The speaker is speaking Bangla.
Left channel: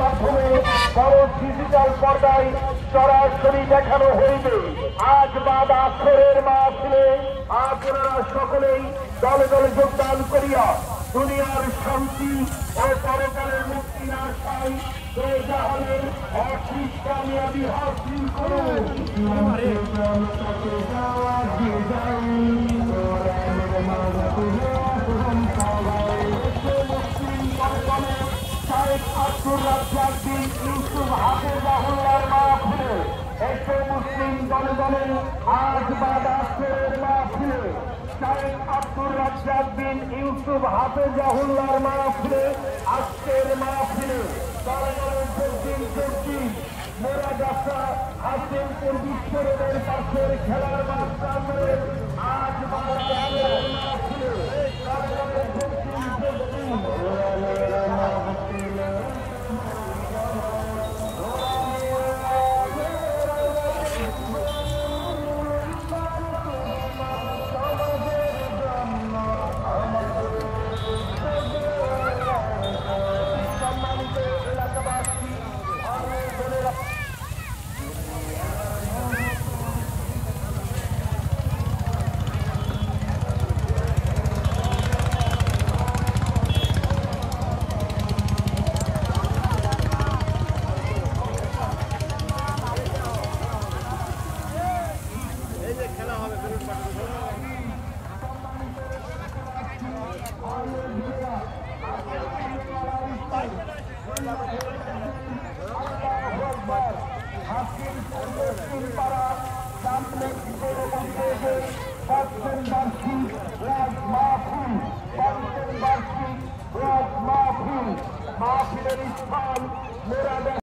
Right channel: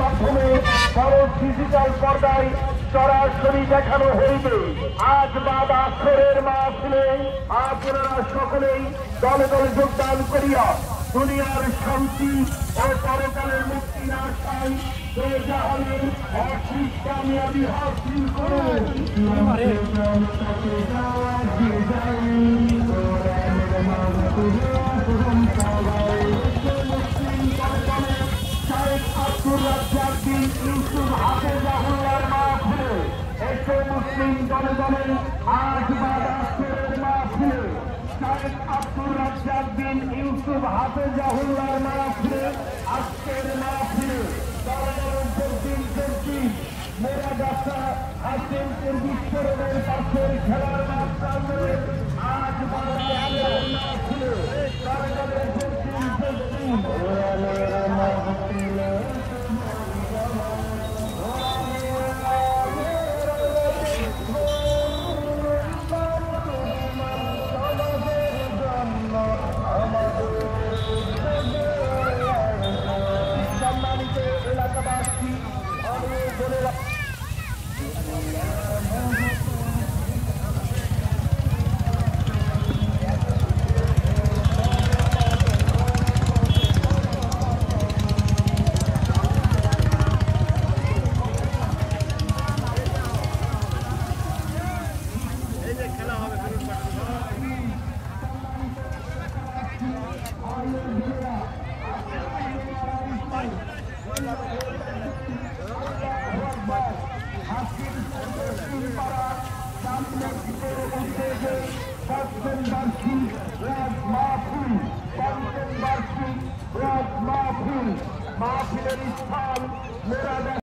মাধ্যমে বড় ডিজিটাল পর্দায় সরাসরি দেখানো হইবে। আজ বাদ আখেরের মাহফিলে আপনারা সকলেই দলে দলে যোগদান করিয়া দুনিয়ার শান্তি ও পরকালের মুক্তির আশায় বেজাহালের অশিস কামিয়াবি হাসিল করুন। ইউসুফ হাফেজাহুল্লাহর মাহফিলে এসে মুসলিম জনগণে আজ বাদ আখেরের মাহফিলে শাইখ আব্দুর রাজ্জাক বিন ইউসুফ হাফেজাহুল্লাহর মাহফিলে আজকের মাহফিলে মোরাগাছা হাসিমপুর বিশ্বরোডের পাশের খেলার মাঠ প্রাঙ্গণে আজ বাদ আখেরের মাহফিলে এলাকাবাসী মাহফিলের স্থল